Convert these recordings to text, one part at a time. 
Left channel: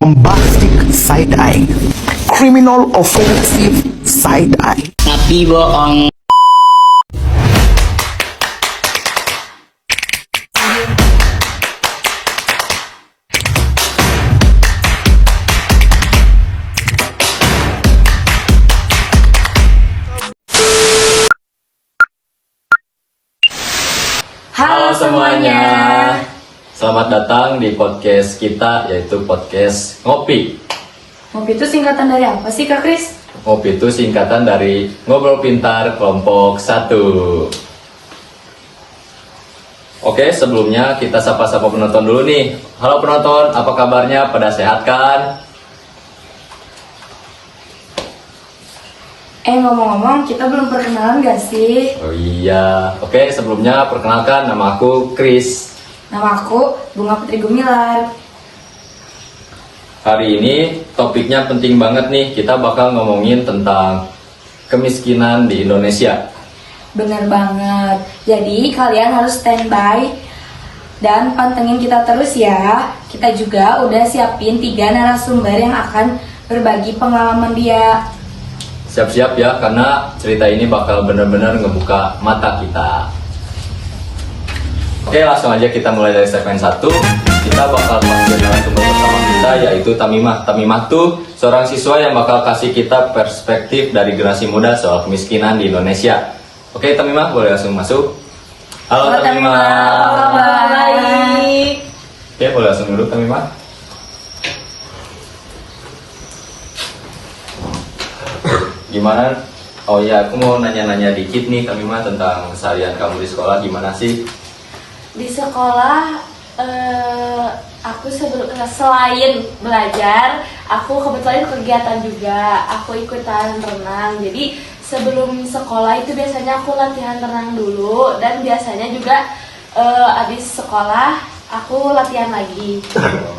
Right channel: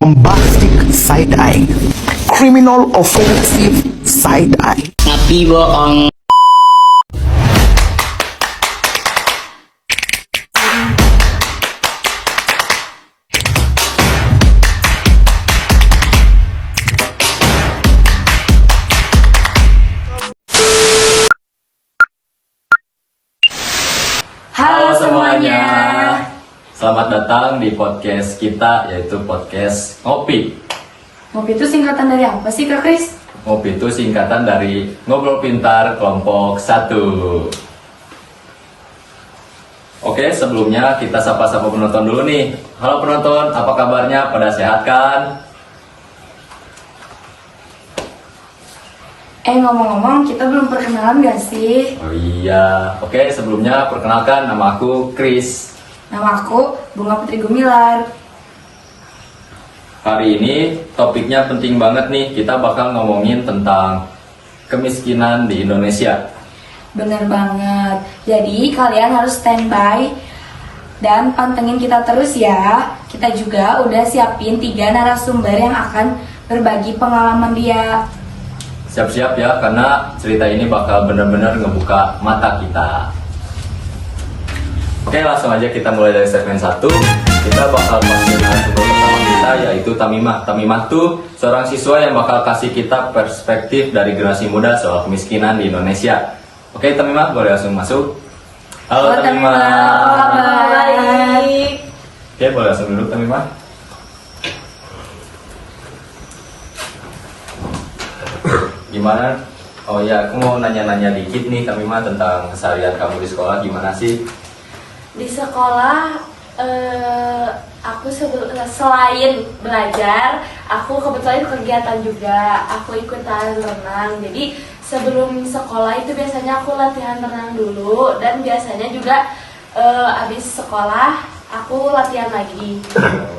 bombastic side eye, criminal offensive side eye. Tapi bohong. Halo semuanya, selamat datang di podcast kita, yaitu podcast Ngopi. Ngopi itu singkatan dari apa sih Kak Kris? Ngopi itu singkatan dari Ngobrol Pintar Kelompok 1. Oke, sebelumnya kita sapa-sapa penonton dulu nih. Halo penonton, apa kabarnya? Pada sehat kan? Ngomong-ngomong, kita belum perkenalan gak sih? Oh iya, oke, sebelumnya perkenalkan, nama aku Chris. Nama aku Bunga Putri Gumilar. Hari ini topiknya penting banget nih, kita bakal ngomongin tentang kemiskinan di Indonesia. Bener banget. Jadi kalian harus standby dan pantengin kita terus ya. Kita juga udah siapin 3 narasumber yang akan berbagi pengalaman dia. Siap-siap ya, karena cerita ini bakal benar-benar ngebuka mata kita. Oke, langsung aja kita mulai dari segmen 1. Kita bakal panggil narasumber pertama kita, yaitu Tamimah. Tamimah tuh seorang siswa yang bakal kasih kita perspektif dari generasi muda soal kemiskinan di Indonesia. Oke, Tamimah, boleh langsung masuk. Halo Tamimah. Apa kabar? Baik. Oke, boleh langsung duduk Tamimah. Gimana? Oh iya, aku mau nanya-nanya dikit nih Tamimah tentang keseharian kamu di sekolah, gimana sih? Di sekolah aku selain belajar, aku kebetulan kegiatan juga. Aku ikutan renang. Jadi sebelum sekolah itu biasanya aku latihan renang dulu, dan biasanya juga abis sekolah aku latihan lagi.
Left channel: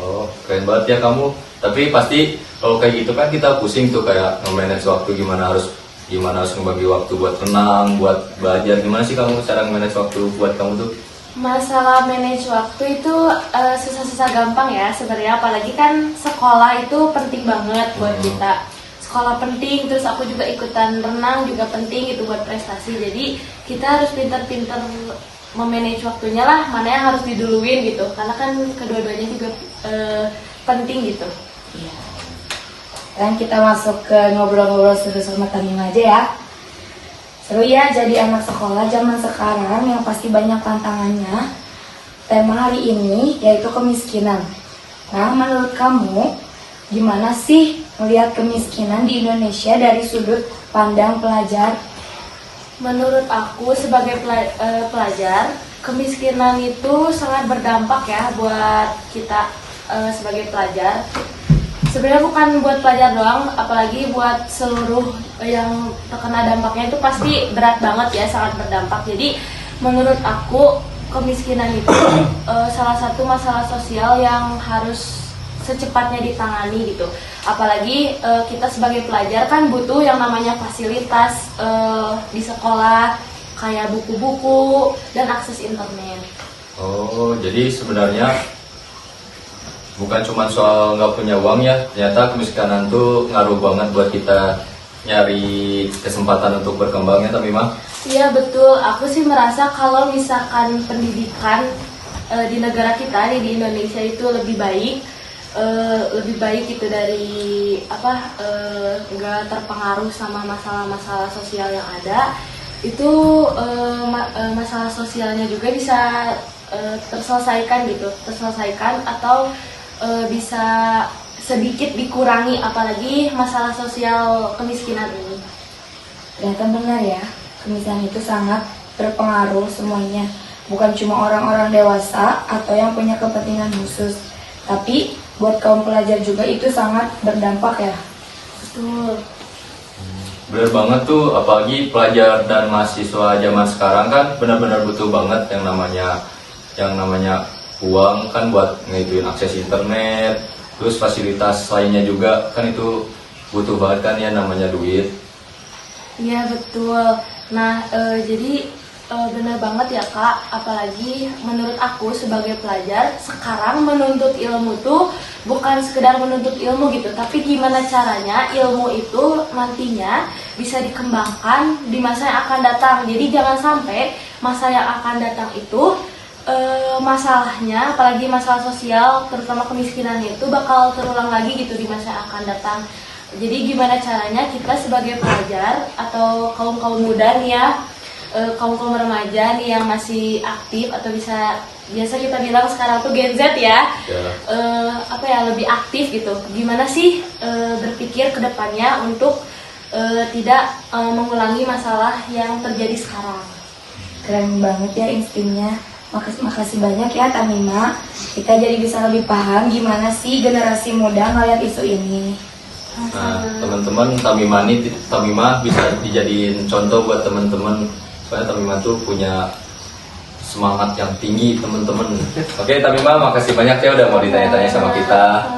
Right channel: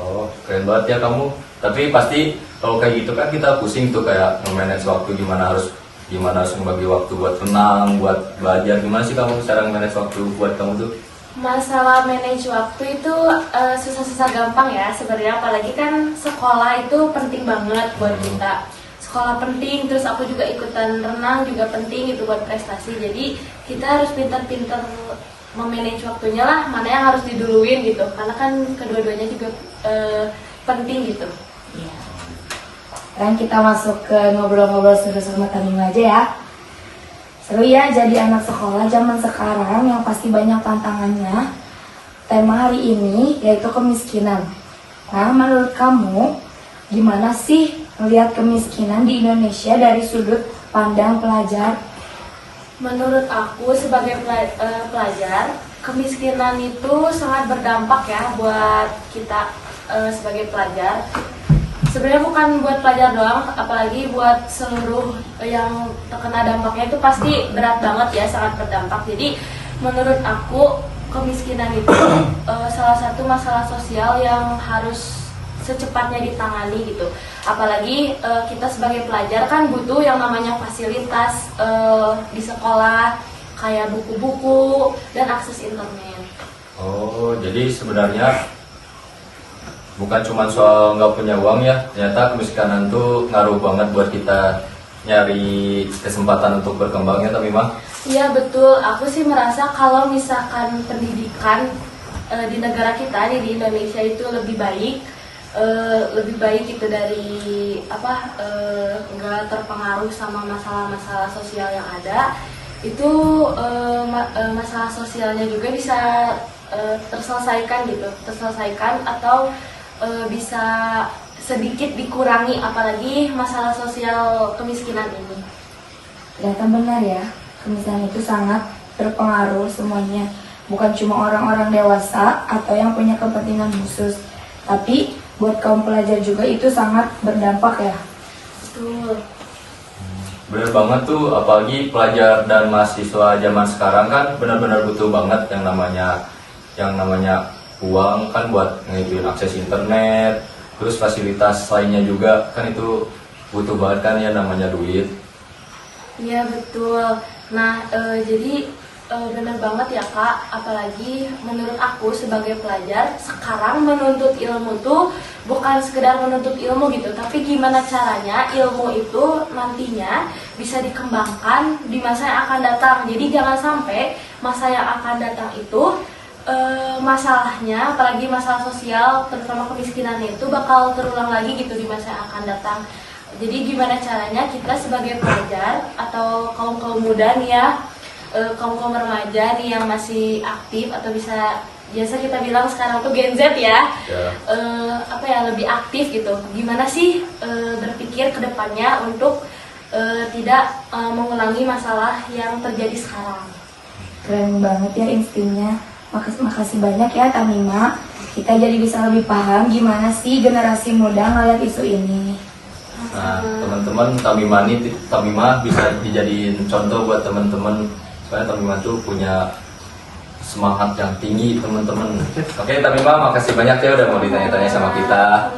Oh, keren banget ya kamu. Tapi pasti kalau kayak gitu kan kita pusing tuh, kayak nge-manage waktu, gimana harus ngebagi waktu buat renang, buat belajar. Gimana sih kamu cara nge-manage waktu buat kamu tuh? Masalah manage waktu itu susah-susah gampang ya sebenarnya, apalagi kan sekolah itu penting banget buat kita. Sekolah penting, terus aku juga ikutan renang juga penting itu buat prestasi. Jadi kita harus pintar-pintar memanage waktunya lah, mana yang harus diduluin gitu. Karena kan kedua-duanya juga penting gitu. Iya. Dan kita masuk ke ngobrol-ngobrol seru sama Tamimah aja ya. Seru ya jadi anak sekolah zaman sekarang yang pasti banyak tantangannya. Tema hari ini yaitu kemiskinan. Nah, menurut kamu gimana sih melihat kemiskinan di Indonesia dari sudut pandang pelajar? Menurut aku sebagai pelajar, kemiskinan itu sangat berdampak ya buat kita sebagai pelajar. Sebenarnya bukan buat pelajar doang, apalagi buat seluruh yang terkena dampaknya itu pasti berat banget ya, sangat berdampak. Jadi menurut aku kemiskinan itu salah satu masalah sosial yang harus secepatnya ditangani gitu. Apalagi kita sebagai pelajar kan butuh yang namanya fasilitas di sekolah, kayak buku-buku dan akses internet. Oh, jadi sebenarnya bukan cuma soal nggak punya uang ya, ternyata kemiskinan tuh ngaruh banget buat kita nyari kesempatan untuk berkembangnya, Tamimah. Iya betul, aku sih merasa kalau misalkan pendidikan di negara kita di Indonesia itu lebih baik itu dari nggak terpengaruh sama masalah-masalah sosial yang ada, itu masalah sosialnya juga bisa terselesaikan atau bisa sedikit dikurangi, apalagi masalah sosial kemiskinan ini. Ternyata benar ya, kemiskinan itu sangat berpengaruh semuanya. Bukan cuma orang-orang dewasa atau yang punya kepentingan khusus, tapi buat kaum pelajar juga itu sangat berdampak ya. Betul. Bener banget tuh, apalagi pelajar dan mahasiswa zaman sekarang kan benar-benar butuh banget yang namanya uang kan buat ngikutin akses internet, terus fasilitas lainnya juga kan itu butuh banget kan ya, namanya duit. Iya betul. Nah jadi Bener banget ya Kak, apalagi menurut aku sebagai pelajar, sekarang menuntut ilmu tuh bukan sekedar menuntut ilmu gitu, tapi gimana caranya ilmu itu nantinya bisa dikembangkan di masa yang akan datang. Jadi jangan sampai masa yang akan datang itu masalahnya, apalagi masalah sosial, terutama kemiskinan itu bakal terulang lagi gitu di masa yang akan datang. Jadi gimana caranya kita sebagai pelajar atau kaum-kaum muda nih ya, kaum-kaum remaja nih yang masih aktif atau biasa kita bilang sekarang tuh Gen Z ya, lebih aktif gitu. Gimana sih berpikir ke depannya untuk tidak mengulangi masalah yang terjadi sekarang. Keren banget ya instingnya. Makasih banyak ya Tamima. Kita jadi bisa lebih paham gimana sih generasi muda ngeliat isu ini. Nah, teman-teman, Tamima bisa dijadiin contoh buat teman-teman. Soalnya Tamima tuh punya semangat yang tinggi, teman-teman. Oke, Tamima, makasih banyak ya udah mau ditanya-tanya sama kita.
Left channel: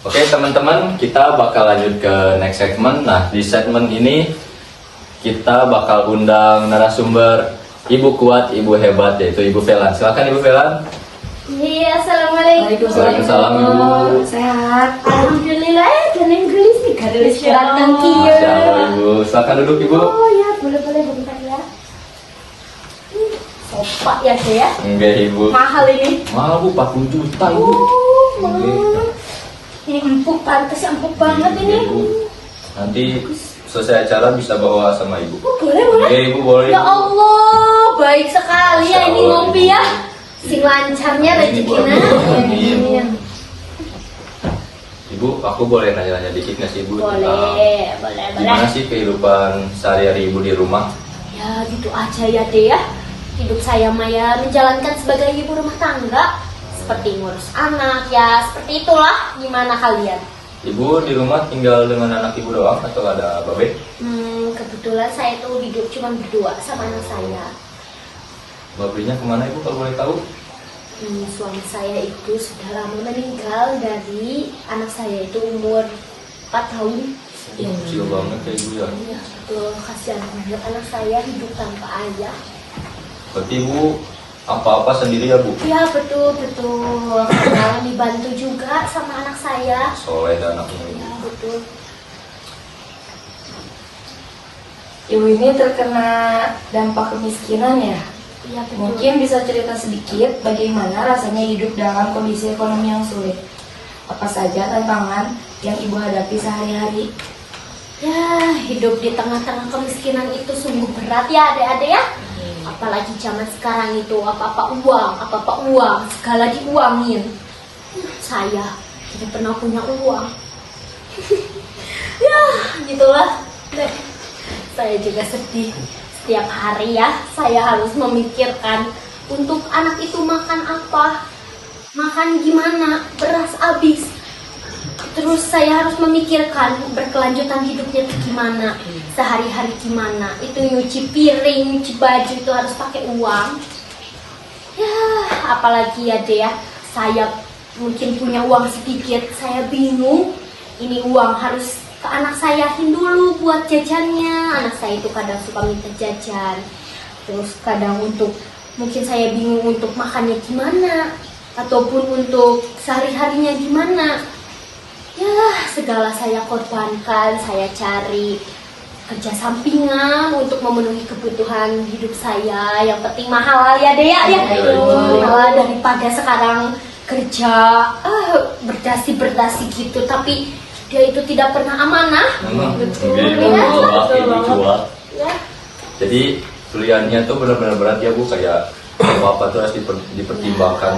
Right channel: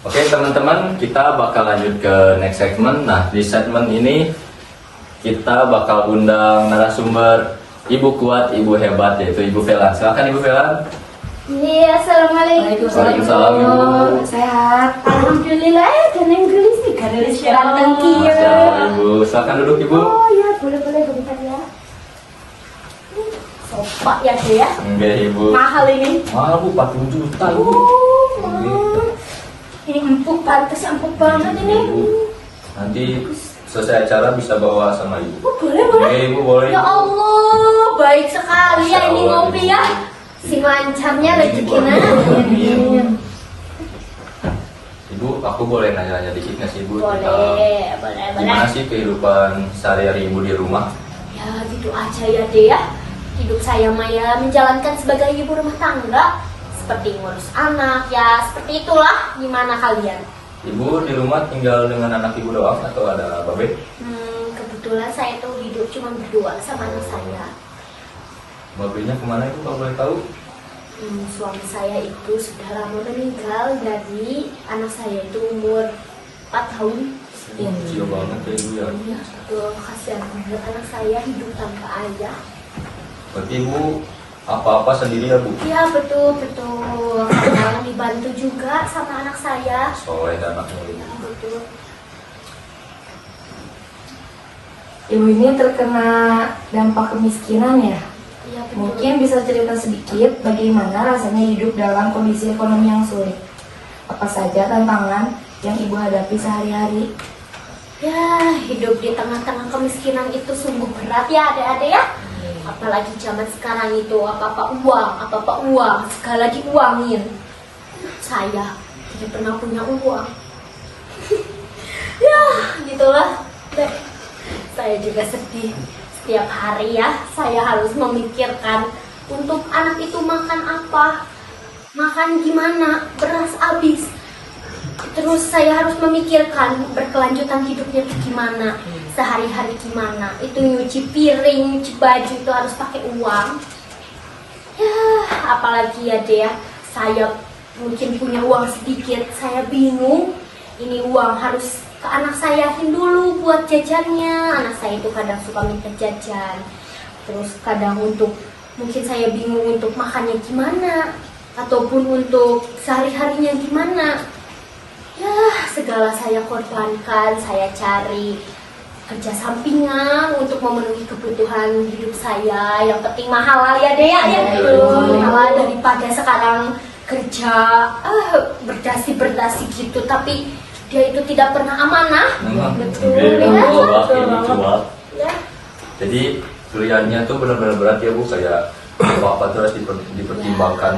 Oke, teman-teman, kita bakal lanjut ke next segment. Nah, di segmen ini kita bakal undang narasumber Ibu kuat, Ibu hebat, yaitu Ibu Velan. Silakan Ibu Velan. Iya, assalamualaikum. Waalaikumsalam, Ibu. Sehat. Alhamdulillah, dan Inggris nih, karena silakan Silakan Ibu. Silakan duduk Ibu. Oh ya, boleh bentar ya. Sopa ya deh ya. Enggak Ibu. Mahal ini. Mahal Bu, 40 juta Ibu. Mahal. Ini empuk, pantas empuk banget ini. Ibu. Nanti selesai acara bisa bawa sama Ibu. Oh, boleh. Oke Ibu, boleh. Ya Allah, baik sekali ya ini Masya Allah, ngopi Ibu. ya. Sing lancarnya rezekinya. Amin. Ibu, aku boleh nanya-nanya dikit nggak sih Ibu? Boleh. Gimana sih kehidupan sehari-hari Ibu di rumah? Ya gitu aja ya deh ya. Hidup saya Maya menjalankan sebagai ibu rumah tangga, seperti ngurus anak ya, seperti itulah. Gimana kalian? Ibu di rumah tinggal dengan anak Ibu doang atau ada babe? Kebetulan saya tuh hidup cuma berdua sama anak saya. Babenya kemana Ibu kalau boleh tahu? Suami saya itu sudah lama meninggal dari anak saya itu umur 4 tahun. Kecil banget ya Ibu ya. Iya betul, kasihan banget anak saya hidup tanpa ayah. Berarti Ibu apa-apa sendiri ya Bu? Iya betul. Kadang dibantu juga sama anak saya. Soleh dan anaknya Ibu. Iya betul. Ibu ini terkena dampak kemiskinan ya. Iya betul. Mungkin bisa cerita sedikit bagaimana rasanya hidup dalam kondisi ekonomi yang sulit. Apa saja tantangan yang Ibu hadapi sehari-hari? Ya, hidup di tengah-tengah kemiskinan itu sungguh berat ya adik-adik ya. Apalagi zaman sekarang itu apa-apa uang, segala diuangin. Saya tidak pernah punya uang. Ya, gitulah. Dek. Saya juga sedih. Setiap hari ya, saya harus memikirkan untuk anak itu makan apa, makan gimana, beras habis. Terus saya harus memikirkan berkelanjutan hidupnya itu gimana, sehari-hari gimana. Itu nyuci piring, nyuci baju itu harus pakai uang. Ya, apalagi ya deh ya, saya mungkin punya uang sedikit, saya bingung. Ini uang harus ke anak sayahin dulu buat jajannya. Anak saya itu kadang suka minta jajan. Terus kadang mungkin saya bingung untuk makannya gimana, ataupun untuk sehari-harinya gimana. Ya, segala saya korbankan, saya cari kerja sampingan untuk memenuhi kebutuhan hidup saya. Yang penting mahal ya deh ya. Mahal daripada sekarang kerja berdasi gitu, tapi dia itu tidak pernah amanah. Betul ya. Ya. Jadi pilihannya tuh benar-benar berat ya Bu, kayak apa-apa tuh harus dipertimbangkan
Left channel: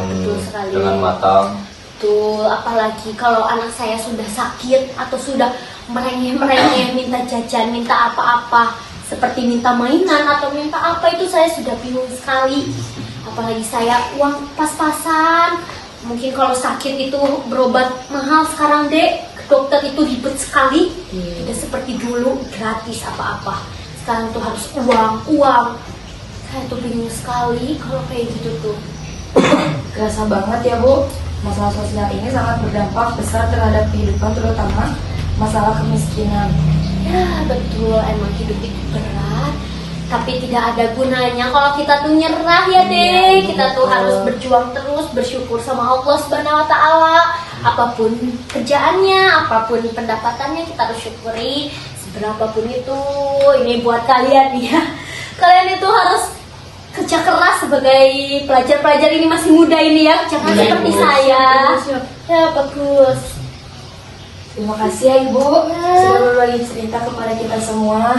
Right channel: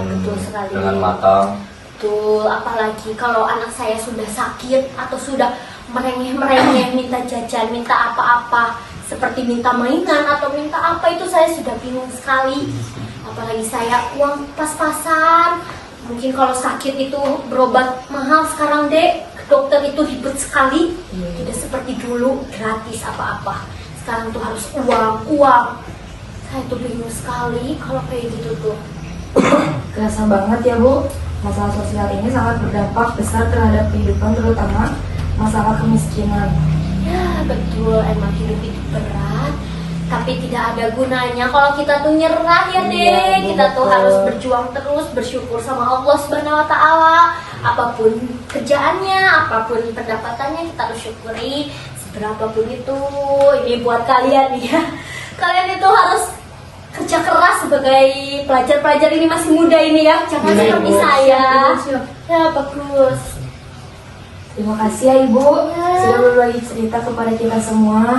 dengan matang. Betul, apalagi kalau anak saya sudah sakit atau sudah merengek-merengek minta jajan, minta apa-apa, seperti minta mainan atau minta apa, itu saya sudah bingung sekali. Apalagi saya uang pas-pasan. Mungkin kalau sakit itu berobat mahal sekarang dek, ke dokter itu ribet sekali. Tidak seperti dulu gratis apa-apa. Sekarang tuh harus uang. Saya tuh bingung sekali kalau kayak gitu tuh. Kerasa banget ya Bu, masalah sosial ini sangat berdampak besar terhadap kehidupan, terutama masalah kemiskinan. Ya betul, emang hidup itu berat. Tapi tidak ada gunanya kalau kita tuh nyerah ya deh. Kita tuh harus berjuang terus, bersyukur sama Allah Subhanahu wa taala. Apapun kerjaannya, apapun pendapatannya kita harus syukuri seberapapun itu. Ini buat kalian ya. Kalian itu harus kerja keras sebagai pelajar-pelajar ini masih muda ini ya. Jangan seperti saya. Ya bagus. Terima kasih ya Ibu sudah berbagi cerita kepada kita semua.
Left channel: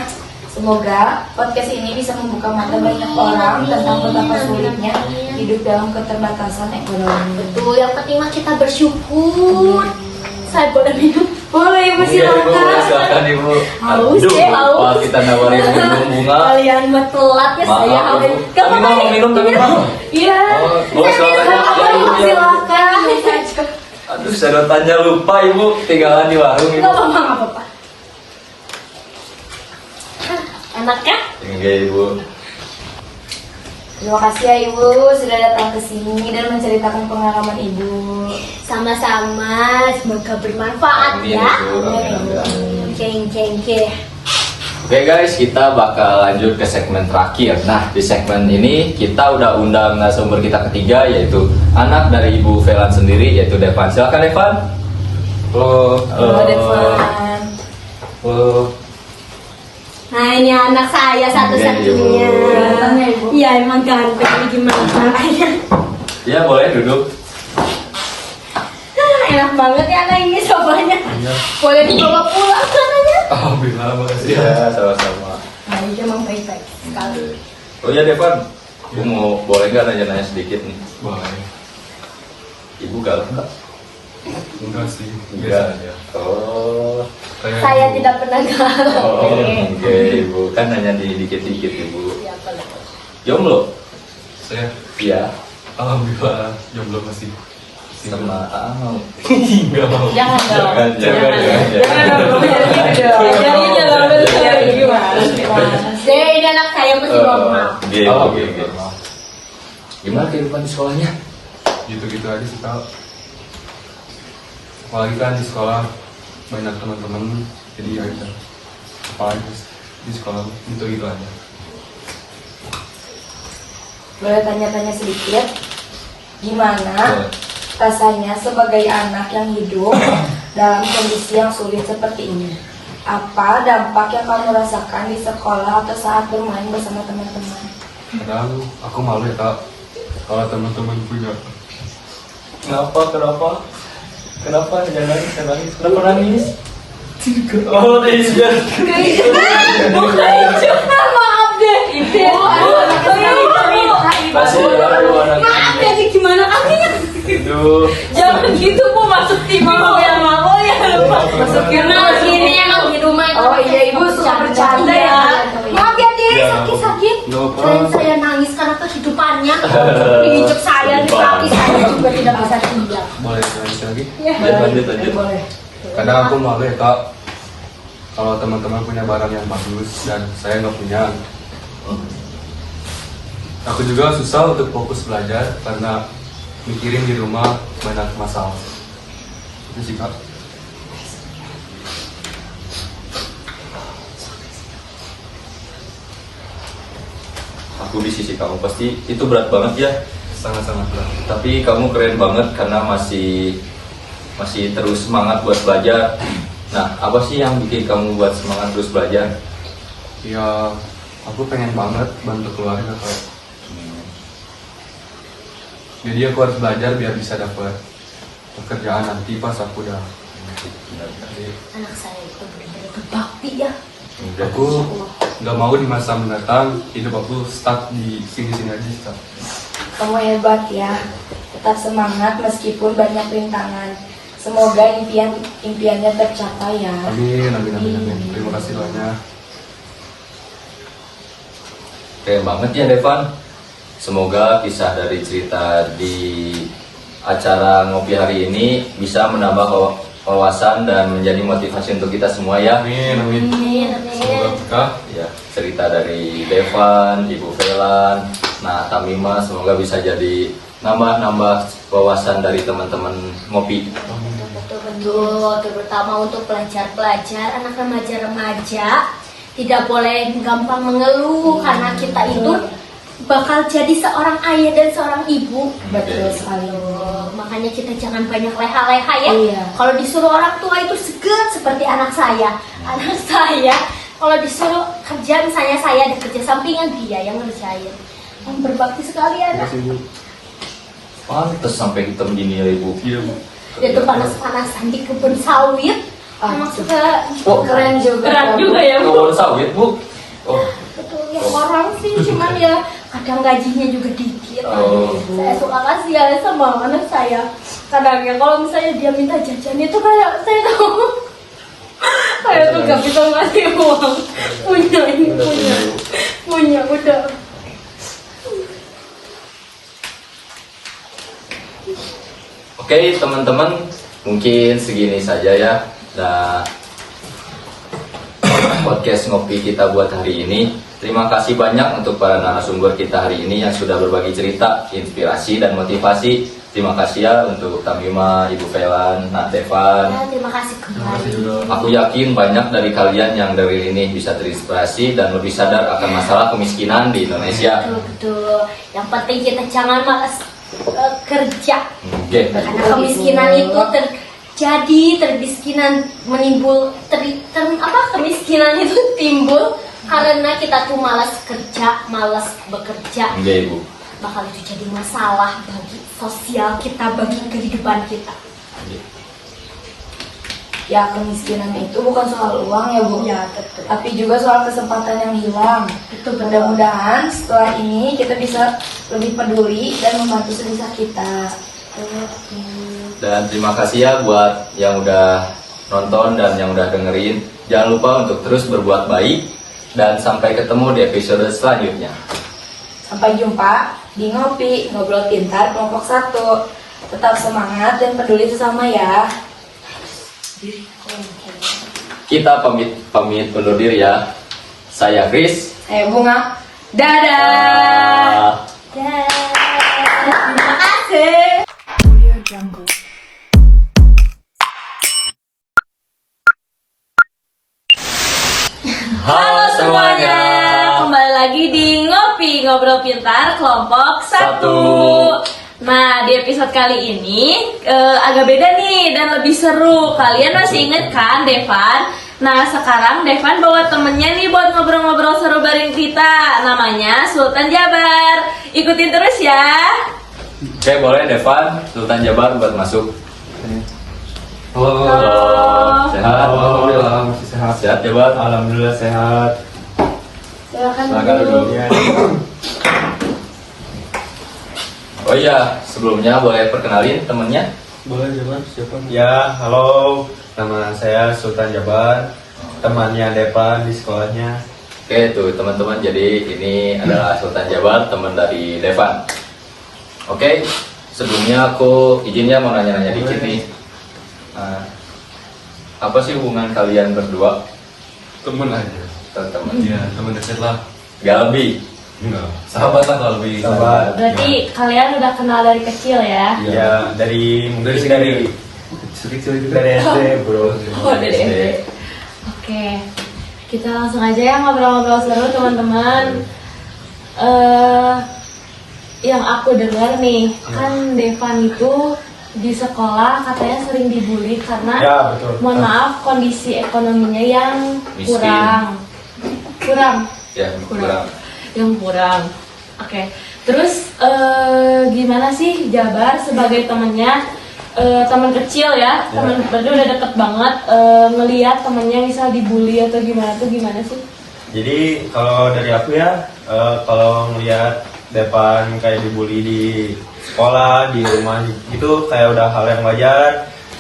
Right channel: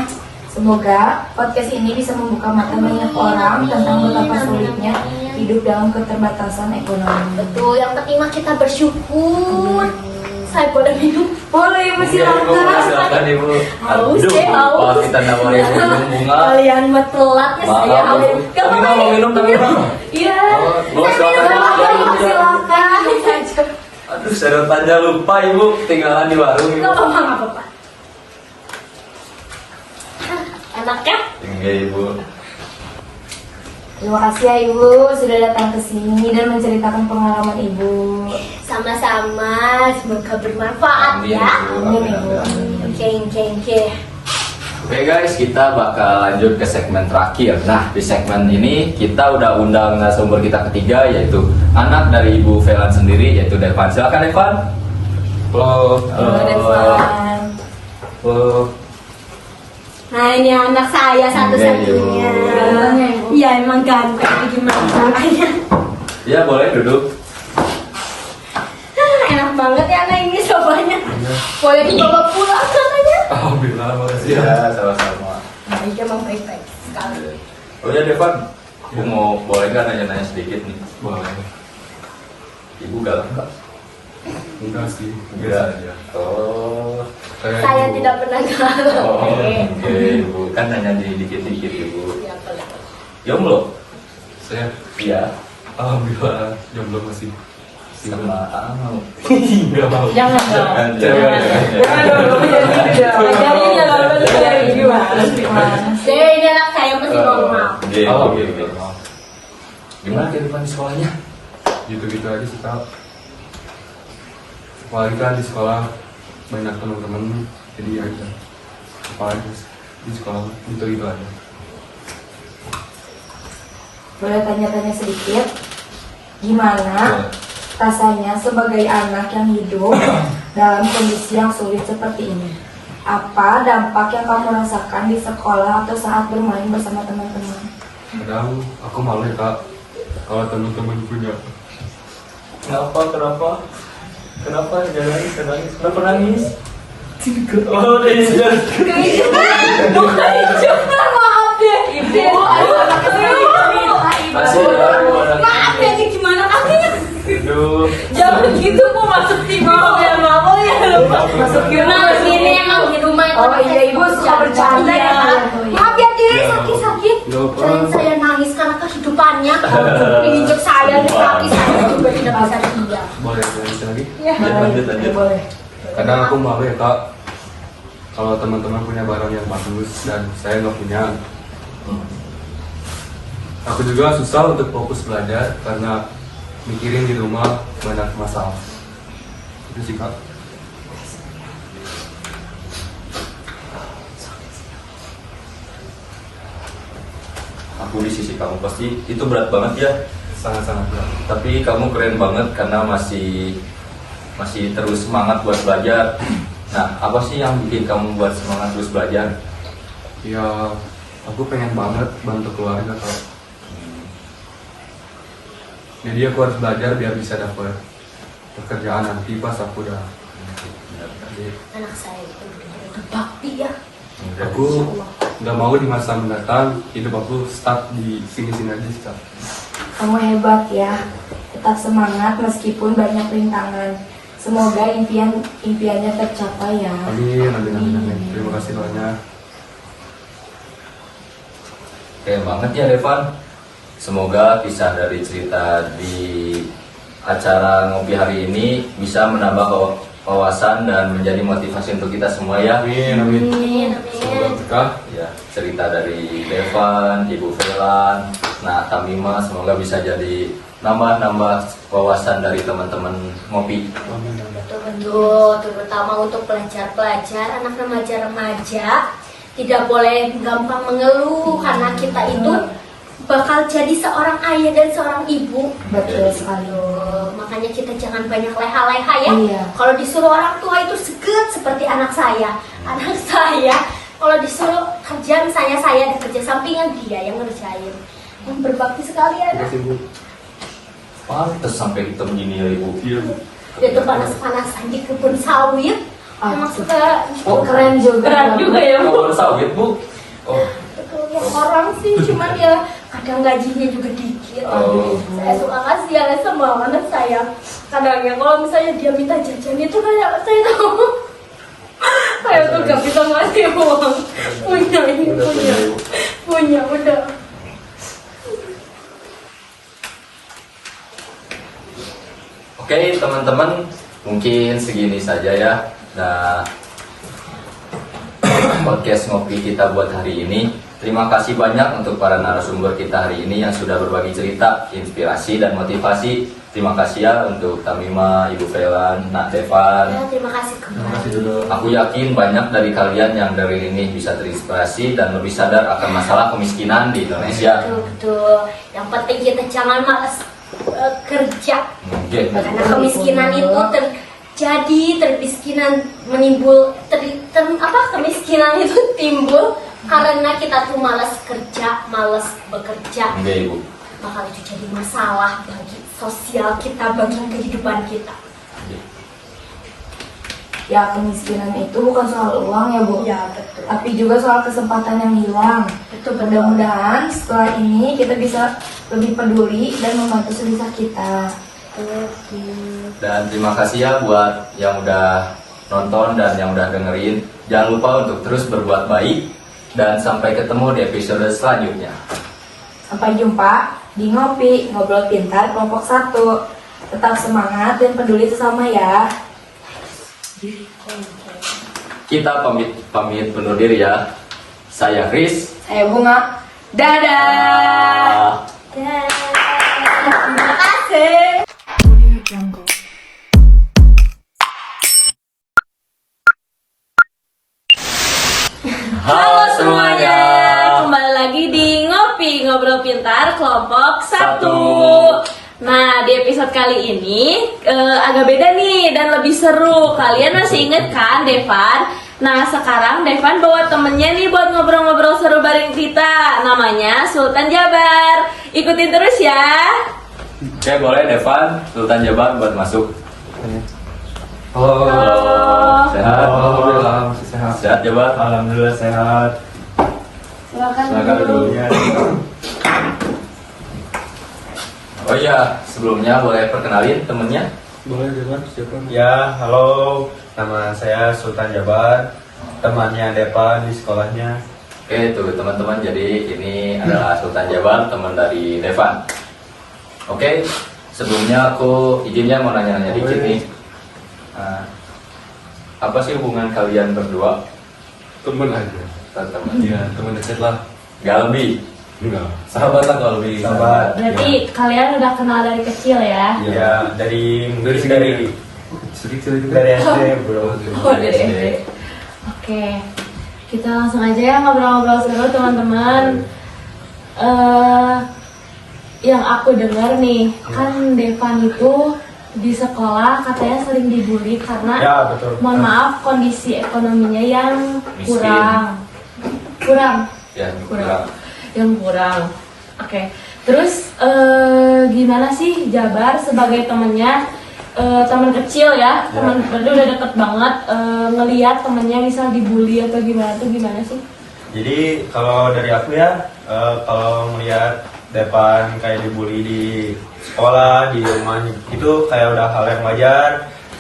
Semoga podcast ini bisa membuka mata banyak orang tentang betapa sulitnya hidup dalam keterbatasan ekonomi. Betul, yang penting mah kita bersyukur. Saya boleh minum? Boleh Ibu, Iya, Ibu, silakan. silakan Ibu. Haus, Aduh, haus. lupa kita nawarin minum bunga. Kalian mah telat ya Maaf, saya. Ibu. Gak apa-apa ya. Minum. Iya. Oh, silakan ya. Silakan. Aduh, sedotannya lupa Ibu, tinggalan di warung Ibu. Gak apa-apa, gak apa-apa. Enak ya? Enggak Ibu. Terima kasih ya Ibu sudah datang ke sini dan menceritakan pengalaman Ibu. Sama-sama, semoga bermanfaat Amin, ya. Ibu. Amin. Oke. Oke guys, kita bakal lanjut ke segmen terakhir. Nah, di segmen ini kita udah undang narasumber kita ketiga, yaitu anak dari Ibu Velan sendiri, yaitu Devan. Silakan Devan. Halo. Halo Devan. Halo. Nah ini anak saya satu-satunya. Iya, Iya emang ganteng, ini gimana caranya? Ya boleh duduk. Enak banget ya anak ini sobanya. Boleh dibawa pulang katanya. Alhamdulillah, makasih ya. Sama-sama. Nah ini emang baik-baik sekali. Oh ya Devan, Ibu mau boleh nggak nanya-nanya sedikit nih? Boleh. Ibu galak nggak? Enggak sih. Enggak aja. Oh. Saya tidak pernah galak. Oh, oke Ibu. Kan nanya di dikit-dikit Ibu. Ya, boleh. Jomblo? Saya Iya. alhamdulillah jomblo masih. Sama Enggak mau. Jangan dong. Jangan dong. Jadi dalam bentuk gimana? Deh ini anak saya masih normal. Alhamdulillah. Gimana kehidupan di sekolahnya? Gitu-gitu aja sih Kak. Apalagi kan di sekolah banyak teman-teman, jadi ya gitu. Apalagi di sekolah gitu aja. Boleh tanya-tanya sedikit? Gimana Boleh. rasanya sebagai anak yang hidup dalam kondisi yang sulit seperti ini? Apa dampak yang kamu rasakan di sekolah atau saat bermain bersama teman-teman? Kadang aku malu ya Kak, kalau teman-teman punya. Kenapa? Jangan. Kenapa nangis? Oh, iya. Maaf deh. Maaf ya ini gimana artinya? Aduh. Jangan gitu Bu, masuk TV ya lupa. Masuk Nah ini emang di rumah itu. Oh iya Ibu suka bercanda ya. Maaf ya deh sakit-sakit. Nggak apa. Selain saya nangis karena kehidupannya, diinjek saya di kaki saya juga tidak bisa diam. Boleh lanjut lagi? Lanjut. Boleh. Kadang aku malu ya Kak, kalau teman-teman punya barang yang bagus dan saya nggak punya. Aku juga susah untuk fokus belajar karena mikirin di rumah banyak masalah. Itu sih Kak. Aku di sisi kamu pasti itu berat banget ya. Sangat-sangat berat. Tapi kamu keren banget karena masih terus semangat buat belajar. Nah, apa sih yang bikin kamu buat semangat terus belajar? Ya, aku pengen banget bantu keluarga Kak. Jadi aku harus belajar biar bisa dapat pekerjaan nanti pas aku udah. Jadi, Anak saya itu benar-benar berbakti ya. aku nggak mau di masa mendatang hidup aku stuck di sini-sini aja sih Kak. Kamu hebat ya. Tetap semangat meskipun banyak rintangan. Semoga impiannya tercapai ya. Amin. Terima kasih doanya. Keren banget ya Devan. Semoga kisah dari cerita di acara ngopi hari ini bisa menambah wawasan dan menjadi motivasi untuk kita semua ya. Amin. Amin. Semoga berkah. Ya, cerita dari Devan, Ibu Velan, nah Tamima semoga bisa jadi nambah wawasan dari teman-teman ngopi. Betul-betul, terutama untuk pelajar-pelajar, anak remaja-remaja. tidak boleh gampang mengeluh karena kita itu bakal jadi seorang ayah dan seorang ibu. Betul sekali. Makanya kita jangan banyak leha-leha ya. Iya. Kalau disuruh orang tua itu seget seperti anak saya. Anak saya kalau disuruh kerja, misalnya saya kerja sampingan, dia yang ngerjain. Berbakti sekali anak. Pantes sampai hitam gini ya ibu. Iya Bu. Dia tuh panas-panasan di kebun sawit. Emang suka Oh, Keren juga. keren juga ya bu. Kebun sawit bu. Oh, Betul ya, orang sih cuman ya kadang gajinya juga dikit. Oh. Saya suka kasihan sama anak saya. Kadang ya kalau misalnya dia minta jajan itu kayak saya tahu saya tuh gak bisa ngasih uang. Punya ini punya udah. Oke teman-teman, mungkin segini saja ya. Dan podcast ngopi kita buat hari ini. Terima kasih banyak untuk para narasumber kita hari ini yang sudah berbagi cerita, inspirasi dan motivasi. Terima kasih ya untuk Tamima, Ibu Felan, Nat Devan. Ya, terima kasih kembali. Aku yakin banyak dari kalian yang dari ini bisa terinspirasi dan lebih sadar akan masalah kemiskinan di Indonesia. Betul. Yang penting kita jangan malas kerja. Oke. Karena kemiskinan itu termiskinan menimbul kemiskinan itu timbul karena kita tuh malas kerja, malas bekerja. Oke Ibu. Bakal itu jadi masalah bagi sosial kita, bagi kehidupan kita. Ya, kemiskinan itu bukan soal uang ya Bu, Ya, betul. tapi juga soal kesempatan yang hilang. Betul, betul. Mudah-mudahan setelah ini kita bisa lebih peduli dan membantu sebisa kita. Dan terima kasih ya buat yang udah nonton dan yang udah dengerin. Jangan lupa untuk terus berbuat baik dan sampai ketemu di episode selanjutnya. Sampai jumpa di Ngopi, Ngobrol Pintar kelompok 1. Tetap semangat dan peduli sesama ya. Kita pamit undur diri ya. Saya Chris. Saya Bunga. Dadah. Terima kasih. Audio Jungle. Halo semuanya, kembali lagi di Ngopi Ngobrol Pintar kelompok 1. Nah, di episode kali ini agak beda nih dan lebih seru. Kalian masih inget kan Devan? Nah, sekarang Devan bawa temennya nih buat ngobrol-ngobrol seru bareng kita. Namanya Sultan Jabar. Ikutin terus ya. Oke, boleh Devan, Sultan Jabar buat masuk. Halo. Sehat? Alhamdulillah masih sehat. Sehat Jabar? Alhamdulillah sehat. Silakan dulu. Oh iya, sebelumnya boleh perkenalin temennya? Boleh Jabar, siapa? Ya, halo. Nama saya Sultan Jabar. Temannya Devan di sekolahnya. Oke tuh teman-teman, jadi ini adalah Sultan Jabar, teman dari Devan. Oke, sebelumnya aku izinnya mau nanya-nanya dikit nih. Apa sih hubungan kalian berdua? Temen aja. Teman. Iya, temen deket lah. Gak lebih. Enggak. Sahabat lah kalau lebih. Sahabat. Berarti kalian udah kenal dari kecil ya? Ya, dari kecil itu dari SD, bro. Oh, dari SD. Oke, kita langsung aja ya ngobrol-ngobrol seru teman-teman. Yang aku dengar nih, kan Devan itu di sekolah katanya sering dibully karena Ya, betul. mohon maaf kondisi ekonominya yang Miskin. kurang Ya, kurang. yang kurang. Oke, terus gimana sih Jabar sebagai temennya, teman kecil ya, teman berdua udah deket banget, ngelihat temennya misal dibully atau gimana tuh gimana sih? Jadi kalau dari aku ya, kalau ngelihat Devan kayak dibully di sekolah, di rumah gitu, kayak udah hal yang wajar,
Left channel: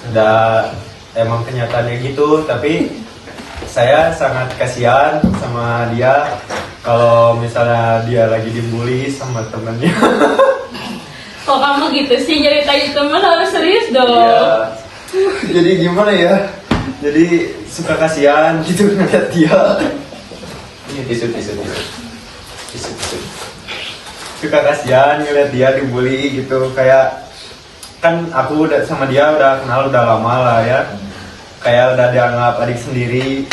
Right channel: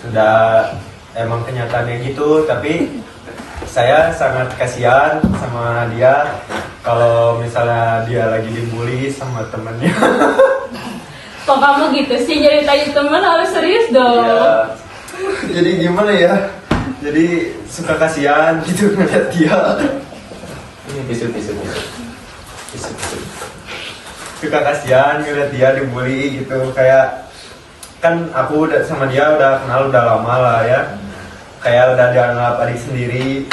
udah emang kenyataannya gitu. Tapi saya sangat kasihan sama dia kalau misalnya dia lagi dibully sama temennya. Kok kamu gitu sih nyeritain temen, harus serius dong. Ya, jadi gimana ya? Jadi suka kasihan gitu ngeliat dia. Ini tisu. Suka kasihan ngeliat dia dibully gitu, kayak kan aku udah sama dia udah kenal udah lama lah ya, kayak udah dianggap adik sendiri.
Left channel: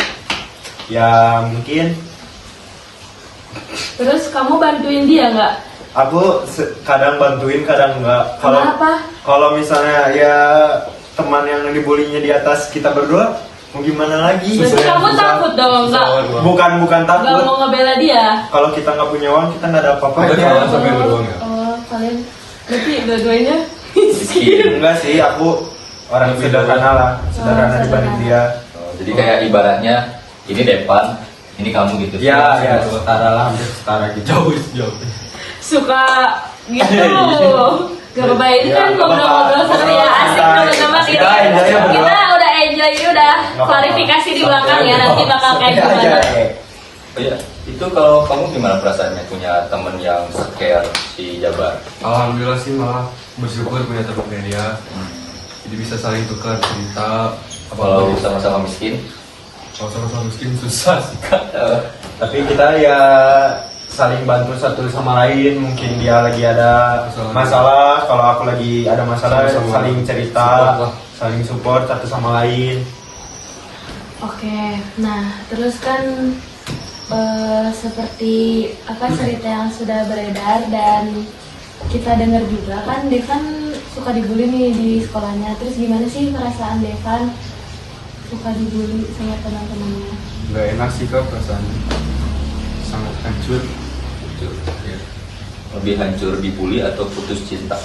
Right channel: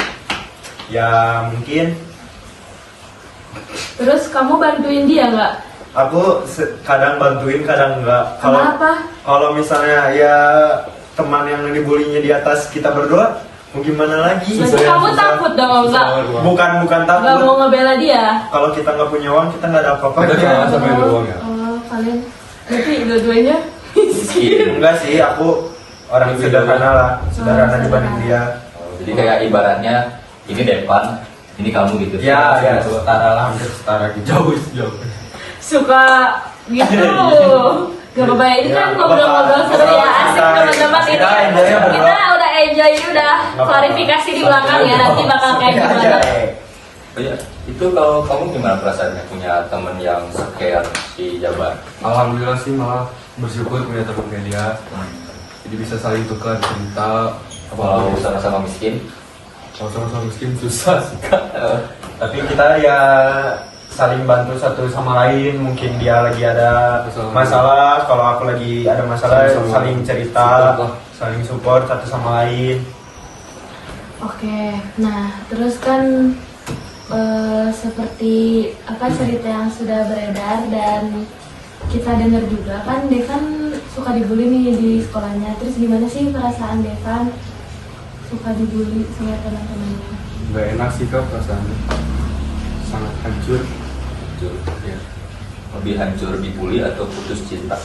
Ya mungkin Terus kamu bantuin dia nggak? aku kadang bantuin, kadang enggak. Kenapa? Kalau misalnya ya teman yang dibulinya di atas kita berdua, mau gimana lagi? Berarti kamu takut dong, nggak Bukan nggak takut. mau ngebela dia? Kalau kita nggak punya uang, kita nggak ada apa-apa. Kalian berarti dua-duanya Enggak sih, aku orang sederhana lah, sederhana dibanding dia. Oh, jadi kayak ibaratnya ini Depan, ini kamu gitu. Ya, setara lah, hampir setara gitu. Jauh. suka gitu. Gak apa-apa, ini kan ngobrol-ngobrol seru ya, asik teman-teman. Ini kita udah enjoy, ini udah klarifikasi di belakang ya, nanti bakal kayak gimana. Oh iya, itu kalau kamu gimana perasaannya punya temen yang care di Jabar? Alhamdulillah sih malah bersyukur punya teman kayak dia. Jadi bisa saling tukar cerita. Kalau sama-sama miskin, Sama-sama miskin susah sih kak. Tapi kita ya saling bantu satu sama lain. Mungkin dia lagi ada masalah, kalau aku lagi ada masalah, saling cerita, saling support satu sama lain. Oke, nah terus kan seperti apa cerita yang sudah beredar dan kita dengar juga kan Devan suka dibully nih di sekolahnya. Terus gimana sih perasaan Devan suka dibully sama teman-temannya? Gak enak sih kak perasaannya. Sangat hancur. ya. Lebih hancur dibully atau putus cinta?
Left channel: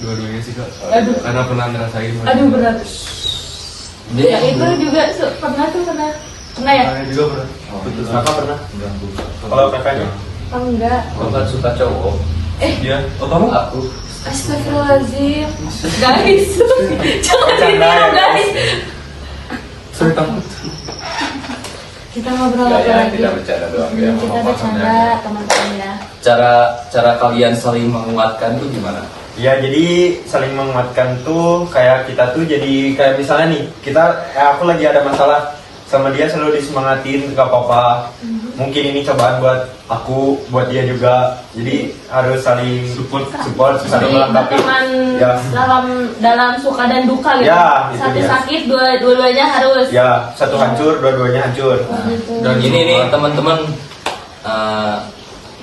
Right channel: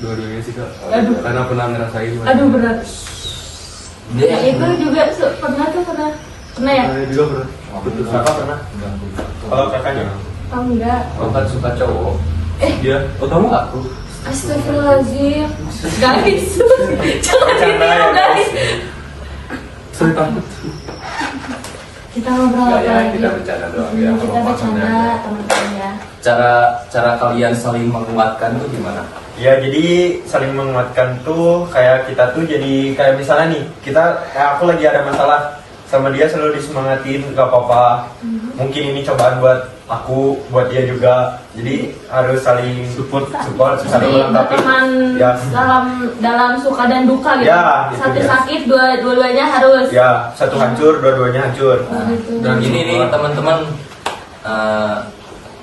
Dua-duanya sih kak. Aduh. Karena pernah ngerasain. Aduh berat. Dia Ya itu juga pernah ya? Saya juga pernah. putus Apa pernah? Kalau kakaknya? Oh, enggak. Kamu kan suka cowok. Dia. Oh kamu aku? Astagfirullahaladzim. Guys, jangan ditiru guys. Saya takut. Kita ngobrol apa Ya, lagi? kita bercanda doang ya. Kita bercanda teman-teman ya. Cara kalian saling menguatkan tuh gimana? Ya jadi saling menguatkan tuh kayak kita tuh jadi kayak misalnya nih aku lagi ada masalah sama dia, selalu disemangatin, gak apa-apa. Mungkin ini cobaan buat aku, buat dia juga. Jadi harus saling support, Jadi saling melengkapi. berteman Ya. dalam suka dan duka gitu. Ya, itu Satu dia. sakit, dua-duanya harus. Ya, satu hancur, dua-duanya hancur. Gitu. Dan Ini nih teman-teman,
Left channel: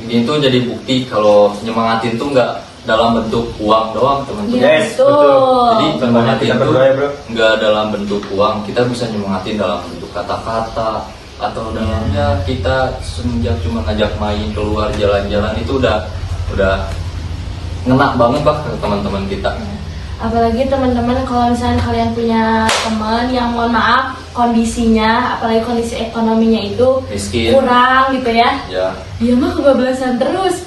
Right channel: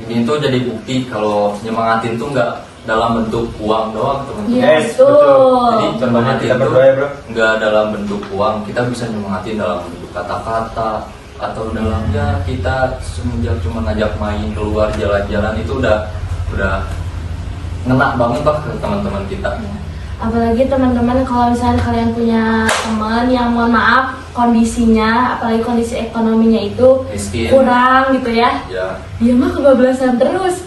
ini tuh jadi bukti kalau nyemangatin tuh nggak dalam bentuk uang doang teman-teman. Iya, Yes, betul. betul. Jadi nyemangatin Kita tuh berdua ya, bro. nggak dalam bentuk uang, kita bisa nyemangatin dalam bentuk kata-kata atau dalamnya kita semenjak cuma ngajak main keluar jalan-jalan itu udah ngena banget lah ke teman-teman kita. Apalagi teman-teman kalau misalnya kalian punya teman yang mohon maaf kondisinya, apalagi kondisi ekonominya itu Miskin, kurang gitu ya. ya. Dia mah kebablasan terus.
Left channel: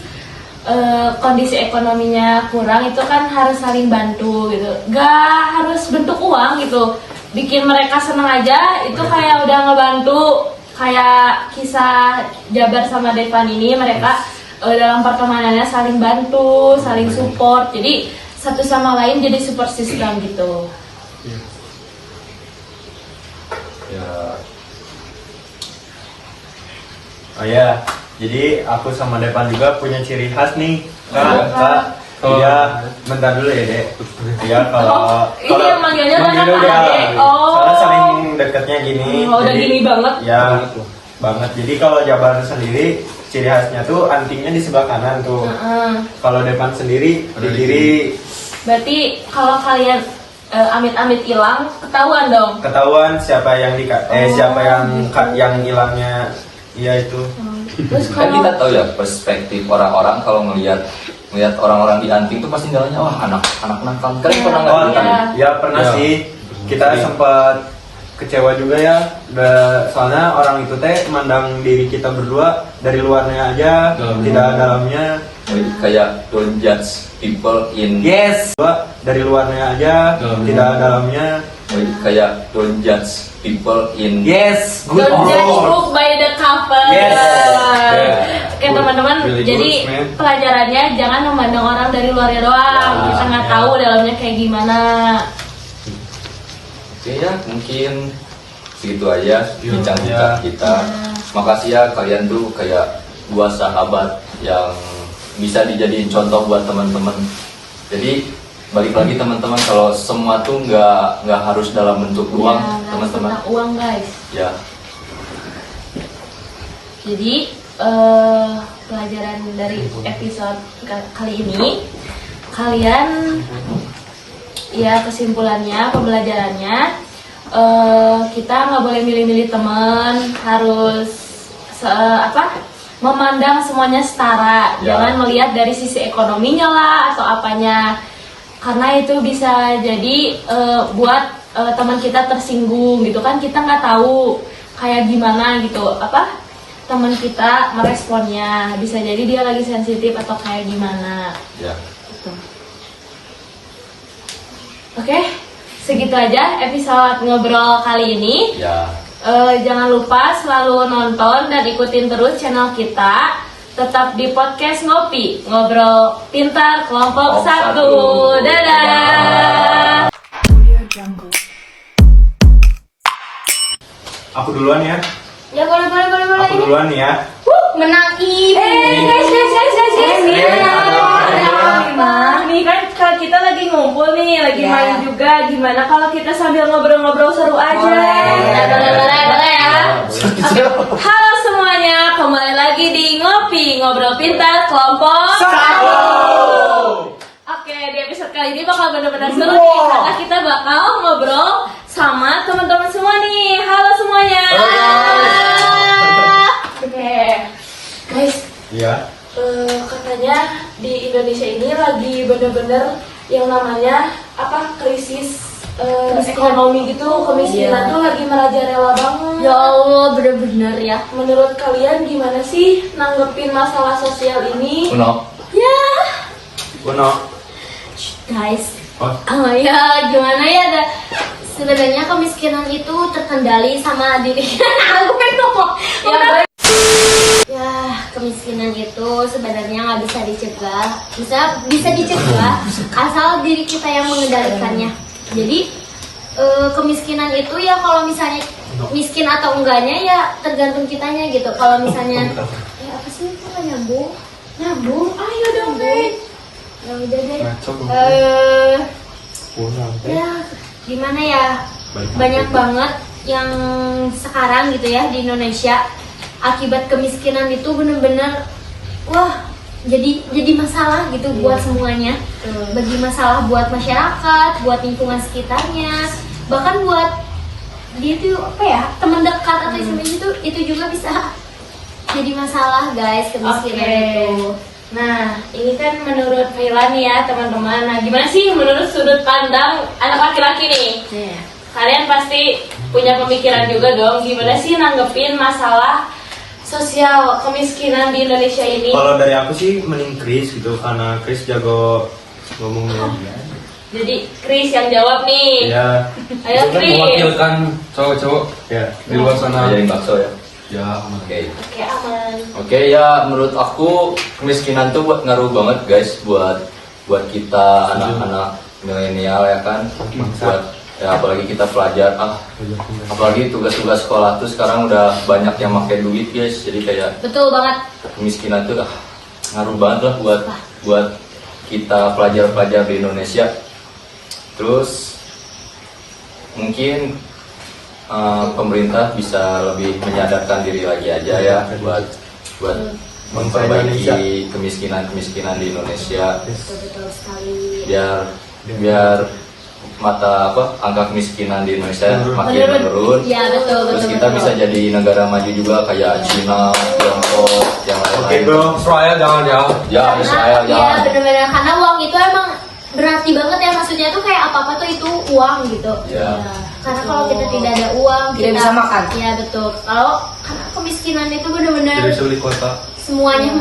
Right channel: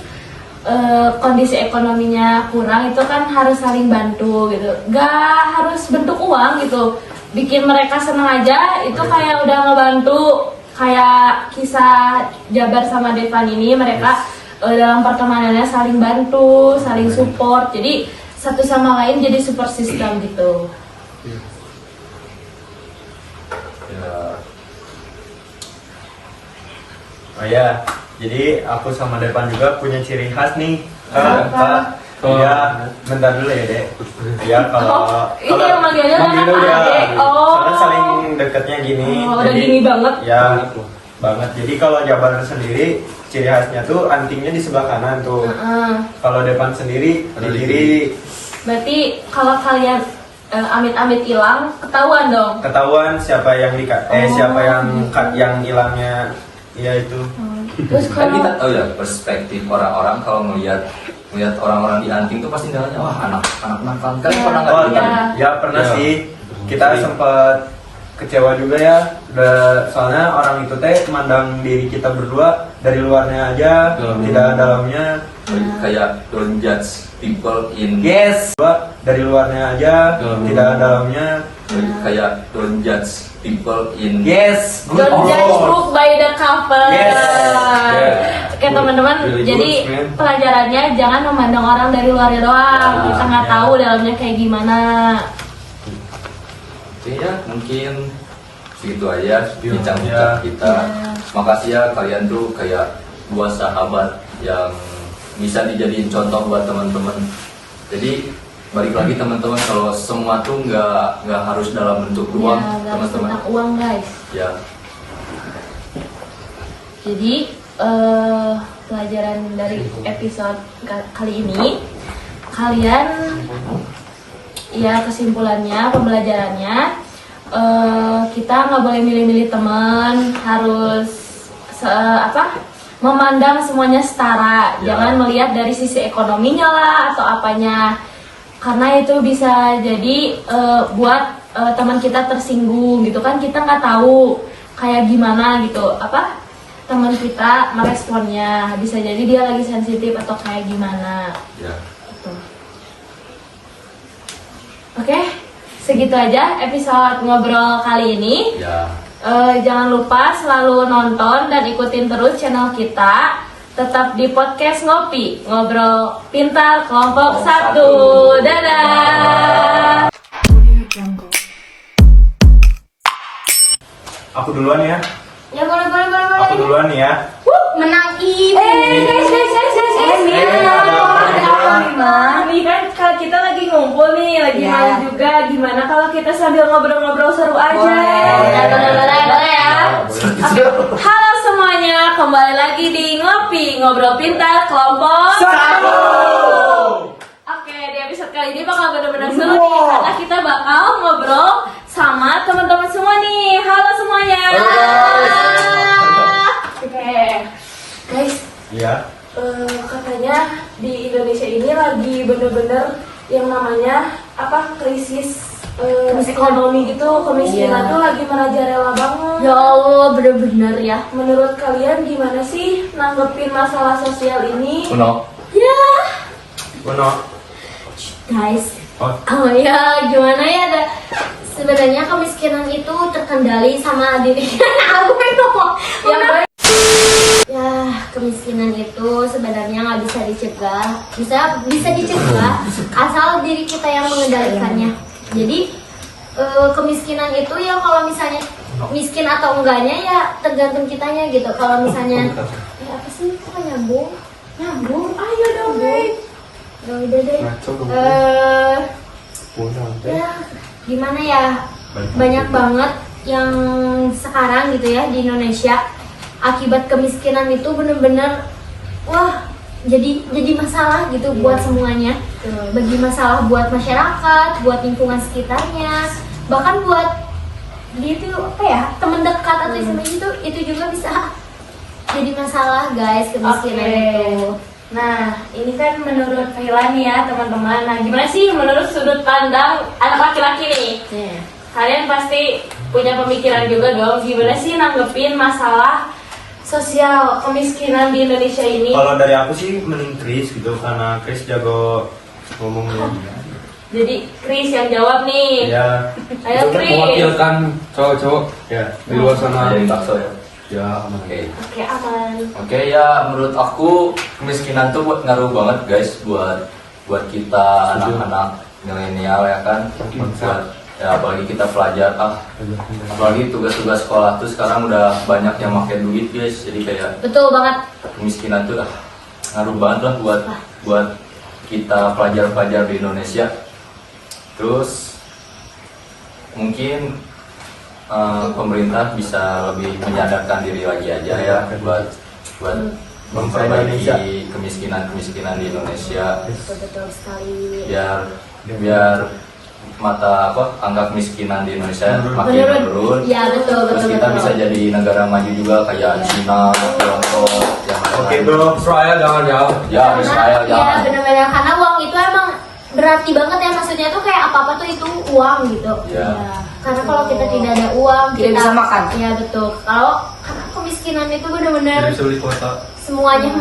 Kondisi ekonominya kurang itu kan harus saling bantu gitu, gak harus bentuk uang gitu, bikin mereka seneng aja itu kayak udah ngebantu. Kayak kisah Jabar sama Devan ini, mereka dalam pertemanannya saling bantu, saling support, jadi satu sama lain jadi support system gitu. Ya. Oh ya, jadi aku sama Depan juga punya ciri khas nih. Apa? Iya, bentar dulu ya, Dek. Iya, kalau Ini yang manggilnya kan manggilnya apa, udah, Dek? Oh. soalnya saling dekatnya gini. Oh, udah gini banget. Ya, banget. Jadi kalau Jabar sendiri, ciri khasnya tuh antingnya di sebelah kanan tuh. Heeh. Kalau Depan sendiri Ada di di kiri. Berarti kalau kalian amit-amit hilang, ketahuan dong. Ketahuan siapa yang siapa yang hilangnya. Iya itu. Terus Kan kita kalau tahu ya perspektif orang-orang kalau ngelihat orang-orang di anting tuh pasti nilainya wah anak nakal kan Iya. pernah Oh, nggak gitu? ya pernah Ya. sih. Kita sempat kecewa juga ya. Soalnya orang itu teh mandang diri kita berdua dari luarnya aja, Dalamnya. tidak dalamnya. Kayak don't judge people in Yes, dari luarnya aja, Dalamnya. tidak dalamnya. kayak don't judge people in Yes, good. don't judge book by the cover. Yes. Oke teman-teman, Really jadi good, man. pelajarannya jangan memandang orang dari luarnya doang. Ya, Kita nggak ya. tahu dalamnya kayak gimana. Oke ya mungkin segitu aja bincang-bincang Ya. kita. Makasih ya kalian tuh kayak dua sahabat yang bisa dijadiin contoh buat teman-teman. Jadi balik lagi teman-teman, kalau semua tuh nggak harus dalam bentuk uang Ya, nggak harus teman-teman. tentang uang guys. Ya Jadi pelajaran dari episode kali ini, kalian ya kesimpulannya, pembelajarannya, kita nggak boleh milih-milih teman, harus memandang semuanya setara, jangan melihat dari sisi ekonominya lah atau apanya, karena itu bisa jadi buat teman kita tersinggung gitu kan, kita nggak tahu kayak gimana gitu teman kita meresponnya, bisa jadi dia lagi sensitif atau kayak gimana. Ya. Gitu. Oke, segitu aja episode ngobrol kali ini. Ya. Jangan lupa selalu nonton dan ikutin terus channel kita. Tetap di podcast Ngopi, Ngobrol Pintar Kelompok 1. Dadah. Aku duluan ya. Ya boleh. Aku duluan nih ya. Menang ibu. Ini kan kita lagi ngumpul nih, lagi main juga. Gimana kalau kita sambil ngobrol-ngobrol seru aja? Boleh ya. Oke. Halo semuanya, kembali lagi di Ngopi, Ngobrol Pintar Kelompok 1. Oke, di episode kali ini bakal benar-benar seru nih, karena kita bakal ngobrol sama teman-teman semua nih. Halo semuanya. Oke, guys. Iya. Katanya di Indonesia ini lagi bener-bener yang namanya krisis ekonomi gitu, kemiskinan tuh lagi merajalela banget. Ya Allah, bener-bener ya. Menurut kalian gimana sih nanggepin masalah sosial ini? Uno. Ya, Uno. Guys. Oh. Ya gimana ya? Sebenarnya kemiskinan itu terkendali sama diri. Aku pengen ngomong. Ya, kemiskinan itu sebenarnya nggak bisa dicegah. Bisa dicegah asal diri kita yang mengendalikannya. Jadi kemiskinan itu ya kalau misalnya miskin atau enggaknya ya tergantung kitanya gitu. Kalau misalnya ya apa sih itu nggak nyambung, ayo dong guys. Ya udah deh. Ya gimana ya, banyak banget yang sekarang gitu ya di Indonesia akibat kemiskinan itu bener-bener jadi masalah gitu buat semuanya, bagi masalah buat masyarakat, buat lingkungan sekitarnya, bahkan buat dia tuh teman dekat atau istilahnya itu juga bisa jadi masalah guys, kemiskinan itu. Nah, ini kan menurut Vila nih ya teman-teman. Nah, gimana sih menurut sudut pandang anak laki-laki nih? Kalian pasti punya pemikiran juga dong, gimana sih nanggepin masalah sosial kemiskinan di Indonesia ini? Kalau dari aku sih mending Chris gitu, karena Chris jago ngomongnya. Jadi Chris yang jawab nih. Iya. Ayo Chris. Mewakilkan cowok-cowok Ya. di luar sana. Jadi bakso ya. Ya, Oke. Oke, aman. Oke, ya menurut aku kemiskinan tuh ngaruh banget guys buat kita anak-anak milenial ya kan. Buat ya apalagi kita pelajar apalagi tugas-tugas sekolah tuh sekarang udah banyak yang pakai duit guys. Jadi kayak Betul banget. kemiskinan tuh ngaruh banget lah buat kita pelajar-pelajar di Indonesia. Terus mungkin pemerintah bisa lebih menyadarkan diri lagi aja ya buat memperbaiki kemiskinan di Indonesia, Betul sekali. biar angka kemiskinan di Indonesia makin menurun. Ya betul. Terus kita bisa jadi negara maju juga kayak Cina, Tiongkok, yang lain. Oke bro. Israel jangan jauh. Ya Israel Ya jangan. benar-benar, karena uang itu emang berarti banget ya, maksudnya tuh kayak apa-apa tuh itu uang gitu. Ya. Karena kalau kita tidak ada uang, Tidak kita bisa makan. Iya betul. Karena kemiskinan itu benar-benar Jadi sulit kota. semuanya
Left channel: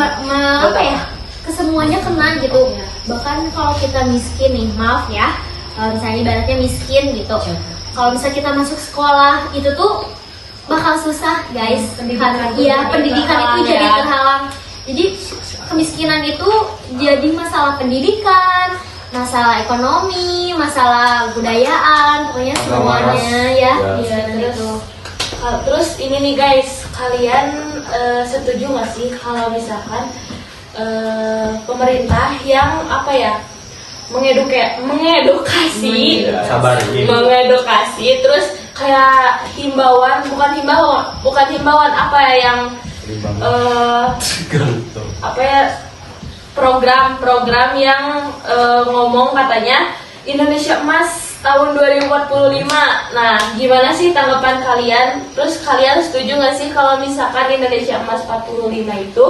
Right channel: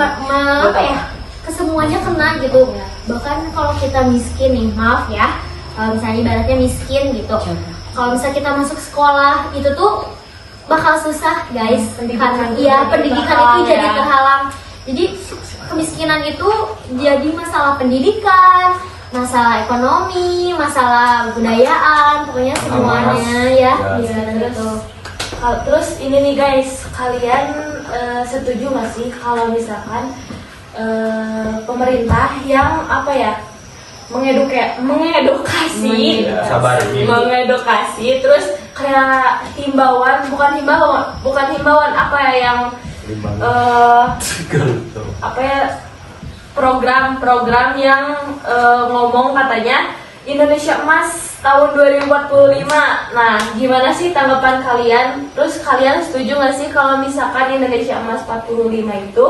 kesemuanya kena gitu. Bahkan kalau kita miskin nih, maaf ya, kalau misalnya ibaratnya miskin gitu, kalau misalnya kita masuk sekolah itu tuh bakal susah guys. Karena pendidikan itu jadi terhalang. Jadi kemiskinan itu jadi masalah pendidikan, masalah ekonomi, masalah budayaan, pokoknya semuanya ya. Terus ini nih guys, kalian setuju nggak sih kalau misalkan pemerintah yang mengedukasi, Sabar. terus kayak bukan himbauan yang apa ya, program-program yang ngomong katanya Indonesia Emas tahun 2045. Nah, gimana sih tanggapan kalian? Terus kalian setuju nggak sih kalau misalkan Indonesia Emas 45 itu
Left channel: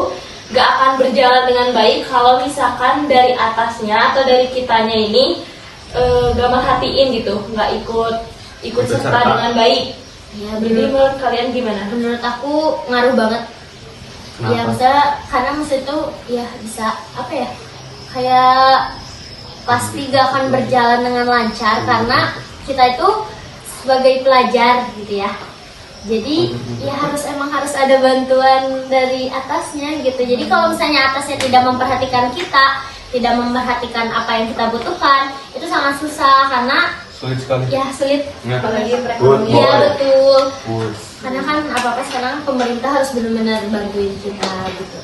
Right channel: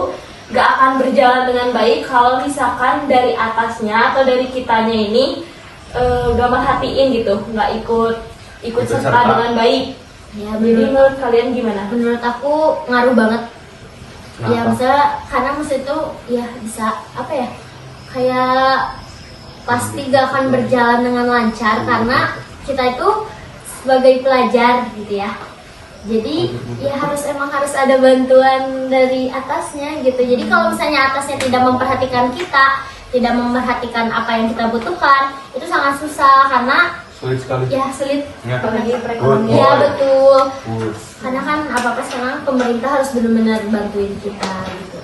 gak akan berjalan dengan baik kalau misalkan dari atasnya atau dari kitanya ini gak merhatiin gitu, nggak ikut serta dengan baik. Ya, Jadi menurut kalian gimana? menurut aku ngaruh banget. Kenapa? Ya misalnya karena maksud itu ya bisa apa ya, kayak pasti gak akan berjalan dengan lancar karena kita itu sebagai pelajar gitu ya. Jadi ya emang harus ada bantuan dari atasnya gitu. Jadi kalau misalnya atasnya tidak memperhatikan kita, tidak memperhatikan apa yang kita butuhkan, itu sangat susah karena Sulit sekali. ya sulit. Ya. Apalagi perekonomian. Ya betul. Sulit. Karena kan apa-apa sekarang pemerintah harus benar-benar bantuin kita gitu.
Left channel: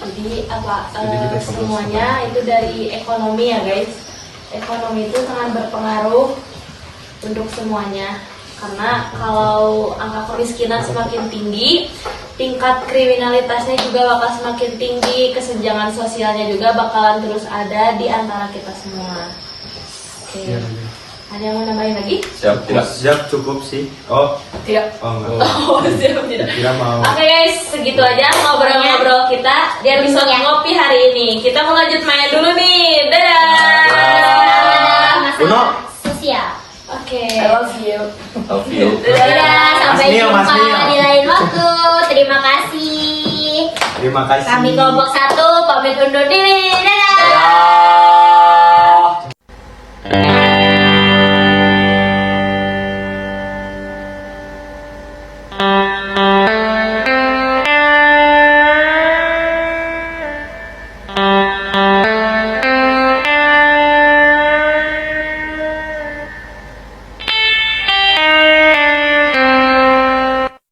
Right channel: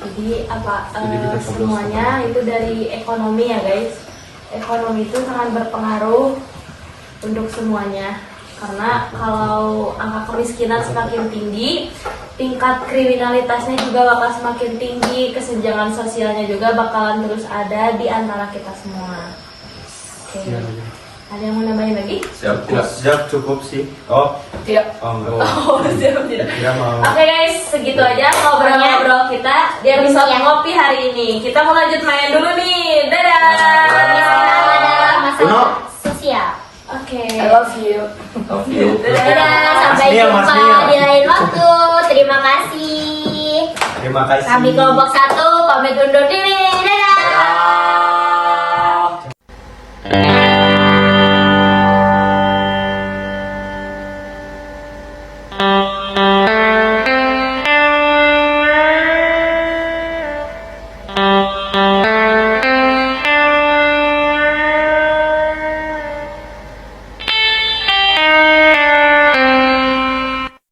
Jadi Jadi kita semuanya itu dari ekonomi ya guys. Ekonomi itu sangat berpengaruh untuk semuanya. Karena kalau angka kemiskinan semakin tinggi, tingkat kriminalitasnya juga bakal semakin tinggi, kesenjangan sosialnya juga bakalan terus ada di antara kita semua. Oke. Iya. Ada yang mau nambahin lagi? Siap tidak? Siap, cukup sih. Oh, Tidak. oh enggak. Oh, siap tidak. Kira mau. Oke guys, segitu aja ngobrol-ngobrol kita di episode ngopi hari ini. Kita mau lanjut main dulu nih. Dadah. Adalah masalah Uno. sosial. Oke. I love you. Love you. Dadah, sampai Mas Mio, Mas jumpa Mio. di lain waktu. Terima kasih. Terima kasih. Kami kelompok 1 pamit undur diri. Dadah. Dadah.